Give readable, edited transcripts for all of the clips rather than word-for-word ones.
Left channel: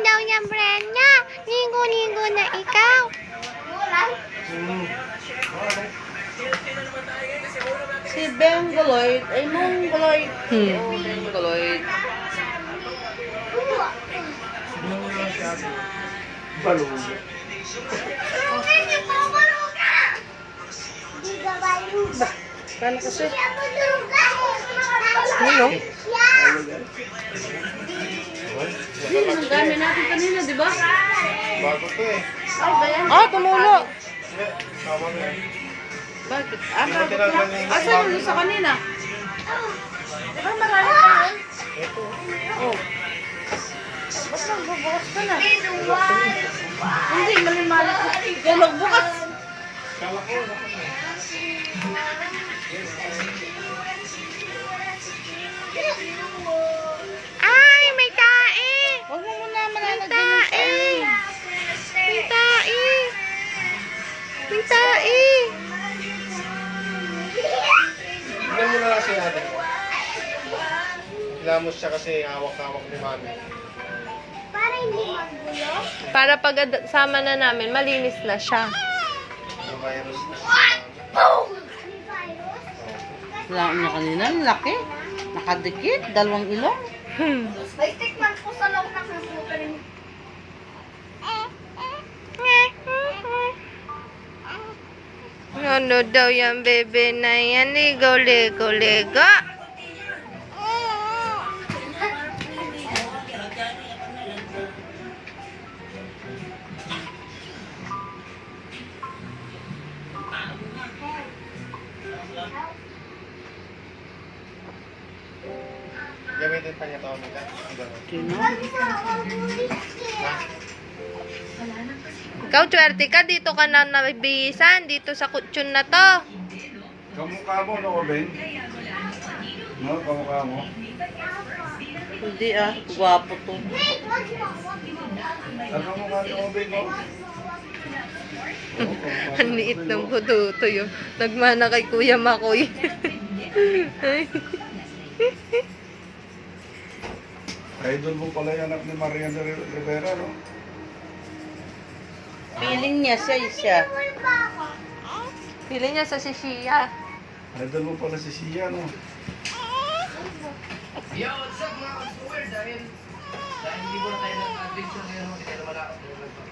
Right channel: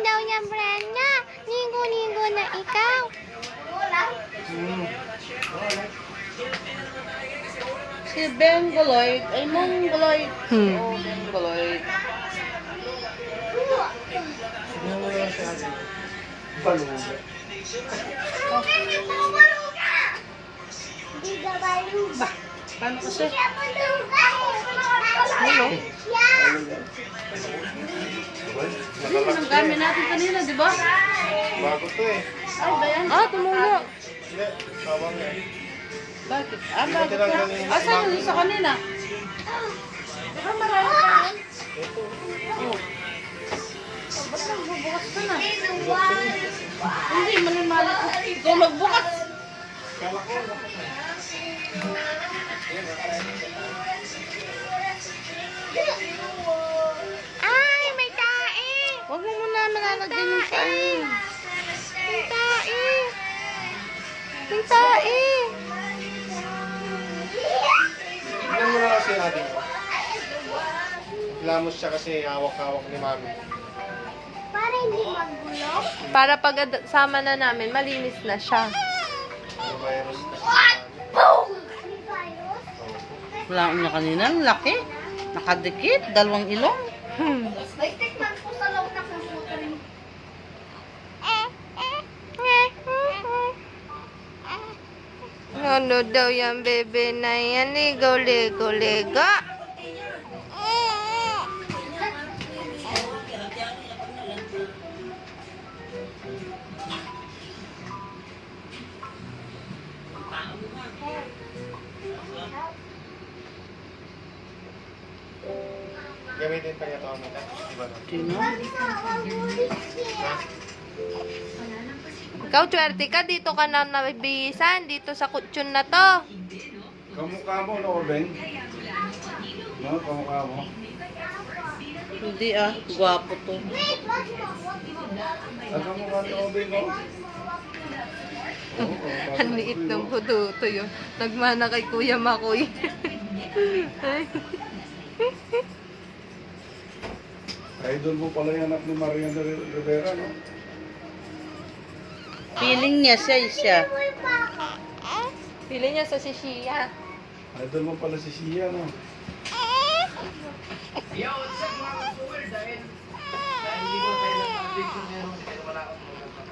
daw niya, Brenda. Ligo-ligo na ikaw. Si Bengoloid ay Mongoloid. Bengoloid. Balong. Ba, paano kasi? Ano? Hindi, ang dami natin kanina, di ba? Bago to eh. Ah, tumulo. Hindi, tama nga. Bakit? Ano? Hindi mo tinagpan yung Asan yung sa kanina? Di ba marami pa yun? Ito. Oh. Ba't nagbubukas ka na? Hindi, mali-mali ko. Kaya magbukas. Kala ko, dapat na. Ay, may tae. Huwag mo muna malalagyan Tae. yung tae. May tae. May tae. Tignan mo na kasi ate. Lamos siya kasi hawak-hawak ni mami. Para hindi magulo? Para pag sama na namin, malinis na siya. Ano virus na. Wala niya kanina, ang laki. Nakadikit, dalawang ilong. May tikman po sa loob ng computer niyo. Ano daw yung bebe na yan? Ligo, ligo, ligo. Gamitin pa niya ito, Amita. Iba no? Sino? Ha? Ikaw, swerte ka. Dito ka na nabibihisan. Dito sa kutsyon na to. Kamukha mo, no, Ben? No, kamukha mo. Hindi ah, gwapo to. At kamukha ni Ben, no? Ang liit ng buduto yun. Nagmana kay Kuya Makoy. Idol mo pala yung anak ni Mariana Rivera, no? Feeling niya siya. Pili niya sa sisiya. Idol mo pala si Sia, no?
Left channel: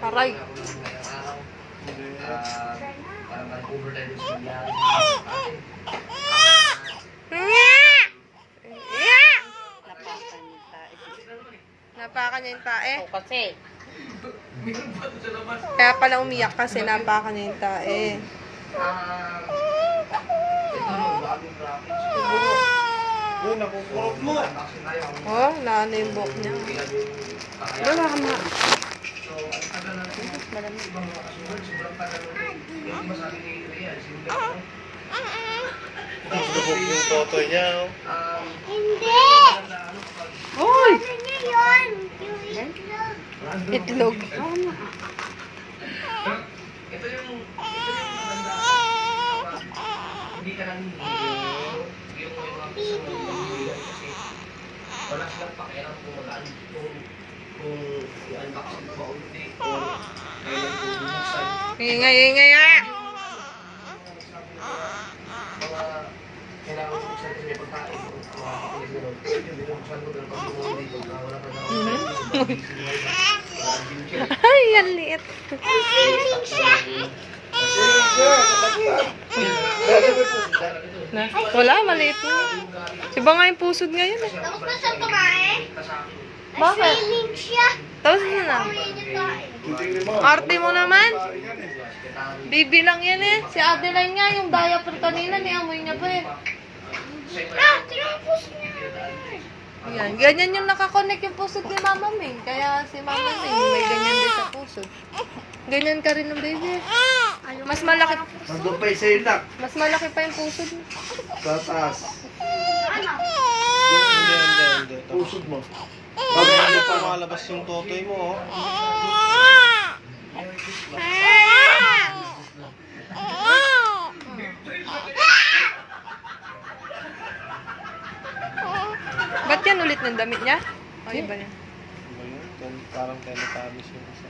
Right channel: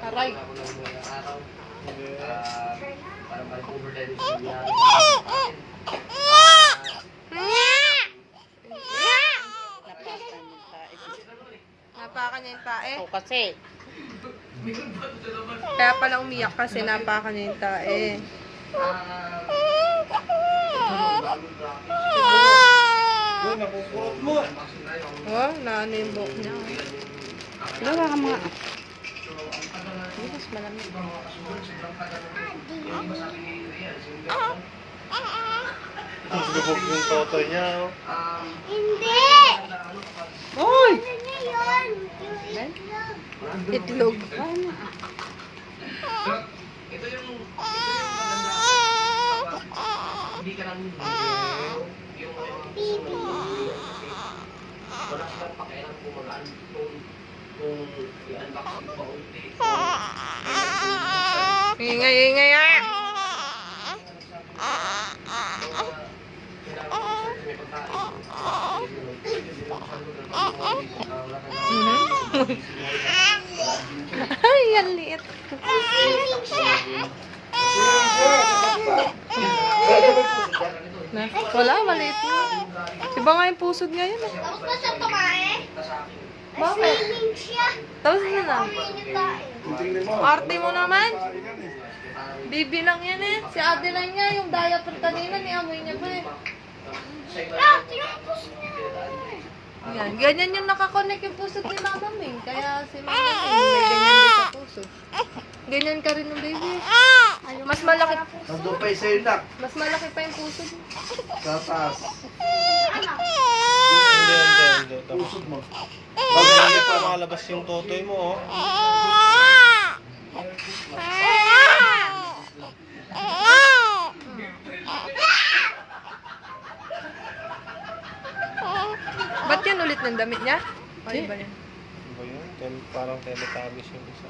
Aray. Napakan niya yung tae. O kasi, Kaya pala umiyak kasi napakan niya yung tae. Uy, nakukurot mo! Oh, naano yung buhok niya. wala ka mo. Ang lubog yung toto niya, oh. Hindi! Hoy! Ano yun? Itlog. Ingay, ingay ah! Ay, ang liit. Ang feeling siya. Na, wala, maliit na. Iba nga yung pusod ngayon eh. Tapos na siya kumain? Bakit? Feeling siya. Tapos na na. Tingnan mo. Arte mo naman. Yan eh. Baby lang yan eh. Si Adeline nga, yung diaper kanina, niamoy niya pa eh. Ah, tinapos niya. Yan, ganyan yung nakakonect yung pusod ni Mama Ming. Kaya si Mama Ming may ganyan din sa pusod. Ganyan ka rin ng baby. Mas malaki, Nandun pa yung sa'yo, nak. mas malaki pa yung pusod mo. Sa taas. Ano? Hindi. Pusod mo. Bakit hindi pa nakalabas yung totoy mo, oh? Ba't yan ulit ng damit niya? Ay, ba yan? Parang Teletubbies yung isa.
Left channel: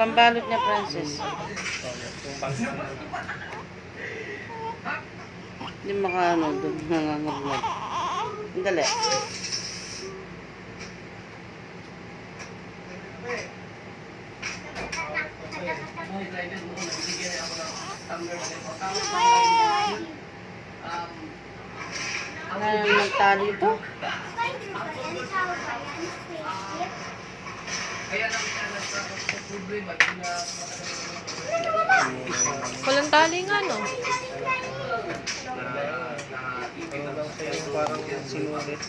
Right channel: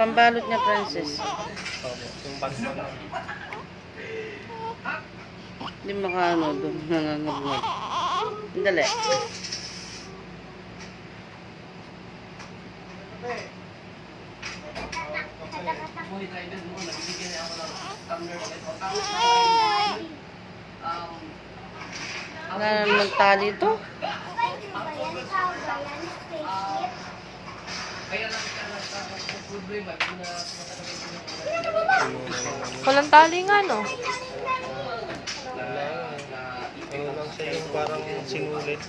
Pambalot na princess. Yung bansa na. Hindi makaano doon. Nangangabnag. Dali. Wala naman magtali ito. Walang tali nga, no? Ayun lang siya yung parang sinulit.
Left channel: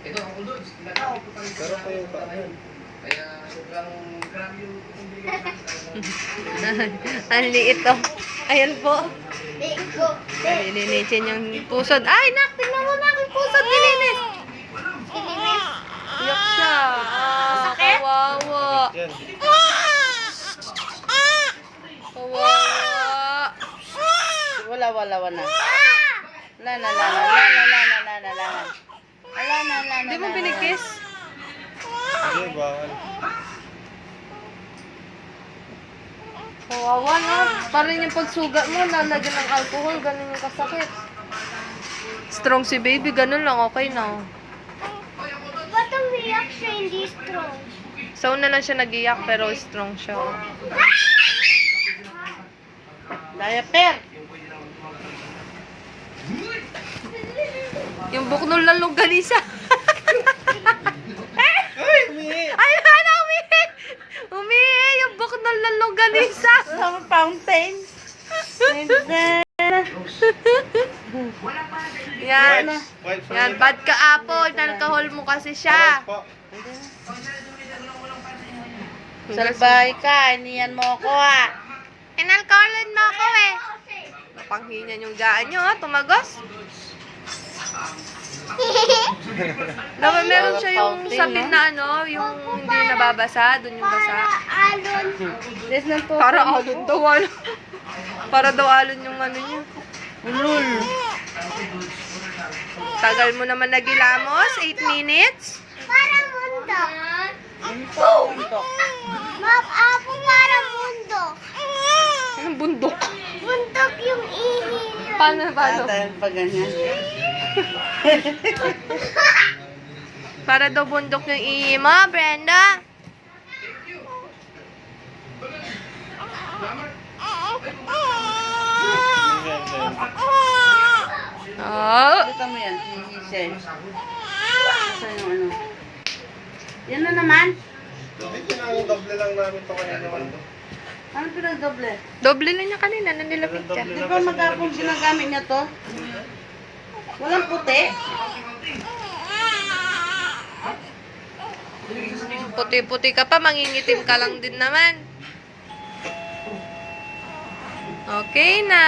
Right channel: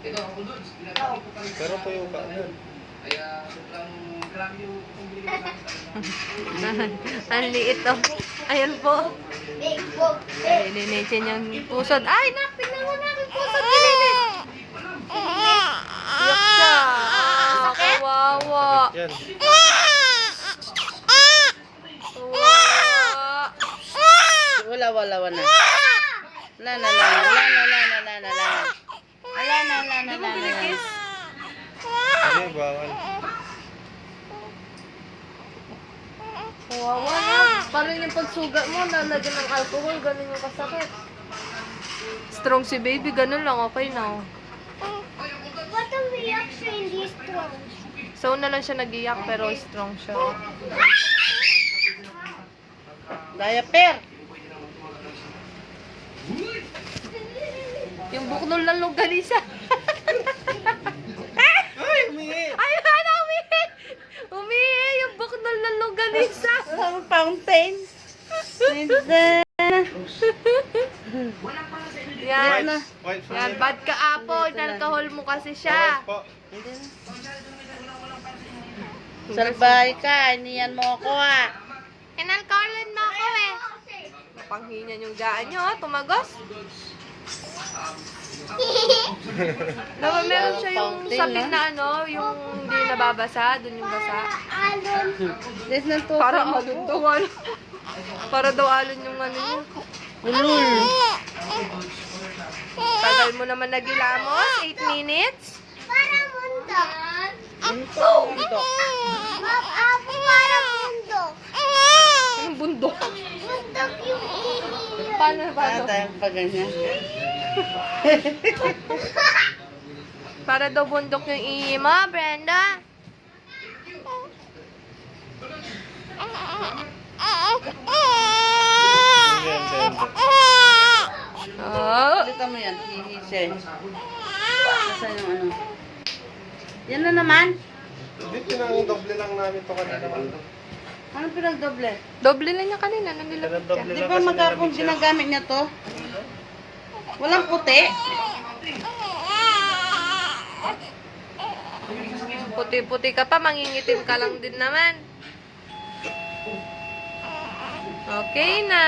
Pero kayo ba? Ang liit, oh. Ayan po. Nilinisin yung pusod. Ay, nak! Tingnan mo na yung pusod. Nilinis! Iyak siya. Ah, kawawa. Yan. Kawawa. Wala na. Wala na. Hindi mo binikis? Hindi, bawal. Kawawa, no? Parang yung pagsugat mo, lalagyan ng alcohol, ganun yung kasakit. Strong si baby, ganun lang, okay na. Ba't ang reaction hindi strong? So, una lang siya nag-iyak, pero strong siya. Diaper. Yung buknol ng longganisa. Ay, umihi! Ay, ano, umihi! Umihi, yung buknol ng longganisa. Fountain. Yan. White for Yan, me. bad ka, Apo. Inalcohol mo kasi siya. Po. Salbay ka. Iniyan mo ako ah. Inalcoholan mo ako, eh. Panghinyan yung gaan nyo, ha? Tumagos. Dapat meron siya yung sapin na ano, yung hindi nababasa, dun yung basa. Alon. Des ng to. Para alon daw, alon. Para daw alon yung ano niya. Ulul. Tagal mo naman nagilamos, 8 minutes. Parang bundok. Ito. Apo, parang bundok. Anong bundok? Bundok yung ihi nyo. Paano? Dahil pa ganyan. Para daw bundok yung ihi mo, Brenda. Hindi, hindi. Oh. Kita mo yan. Hihisay. Saan yung ano? Yan na naman. Hindi, pinang-doble lang namin ito kanina. Ano pinagdoble? Doble lang niya kanina, nanilapit ka. Di ba magkakong ginagamit niya to? Walang puti? Puti-puti ka pa, mangingitim ka lang din naman. Okay na.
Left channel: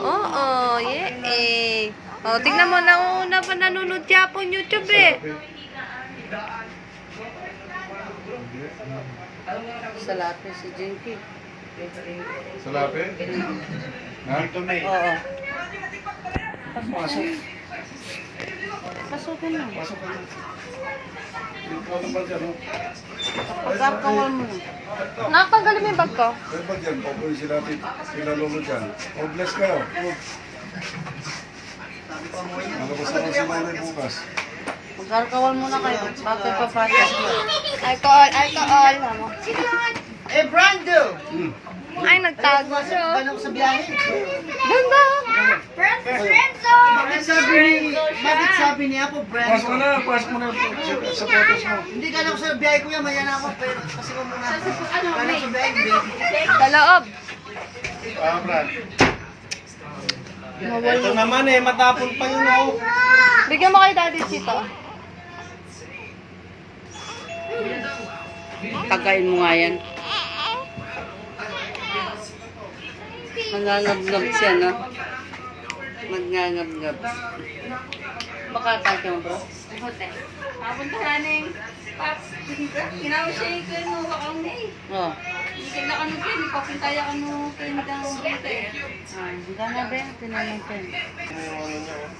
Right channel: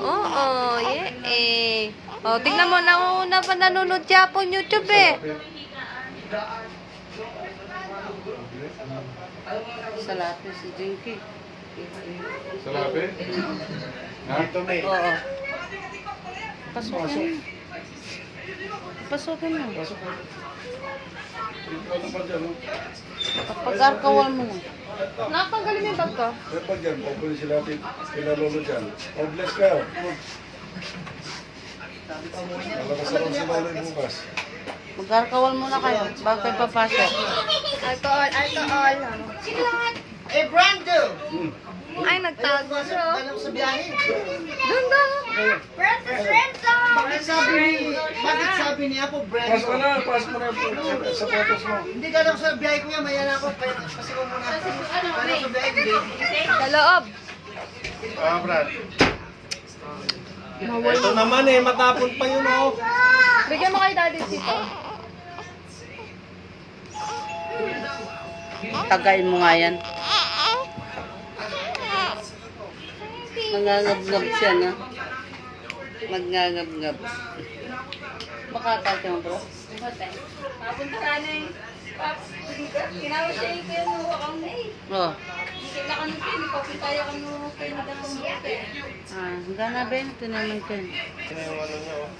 Oh, yeah. Oh, tingnan mo, nauna pa nanonood siya po YouTube eh. Sa lapi si Jinky. Sa lapi? Ha? Dito may. Oo. Pasok. Pasukin mo. Pasok ka. Dito lang ba dyan? Pag-arkawan mo na. Nakatanggalin mo yung bag ko. Pwede ba dyan? Pwede sila lolo dyan. Oh, bless ka. Malabas na lang si lolo yung bukas. Pag-arkawan mo na kayo. Bago kayo papasok. Alcohol. Eh, Brando! Ay, nagtago siya. Ganap sa biyahe. Ganda. Bakit sabi niya ako, Pasok Brando? mo na. Pasok mo na sa photos mo. Hindi ganap sa biyahe ko yan, maya na ako. Kasi ko muna. Ganap sa biyahe, hindi. Sa loob. Ah, Brad. Ito naman eh, matapon pa yun oh. Bigyan mo kay Daddy Chito. Tagayin mo nga yan. Nangangab-ngab siya, no? Nangangab-ngab. Baka tayo mo, bro? Papunta na ni. Ginawa siya yung kayo mo akong eh. Oo. Hindi na kami kayo. Papunta ako mo kayo ng bote. Hanggang na, Ben. Tinanong ko yun. Sino yung ano niya oh.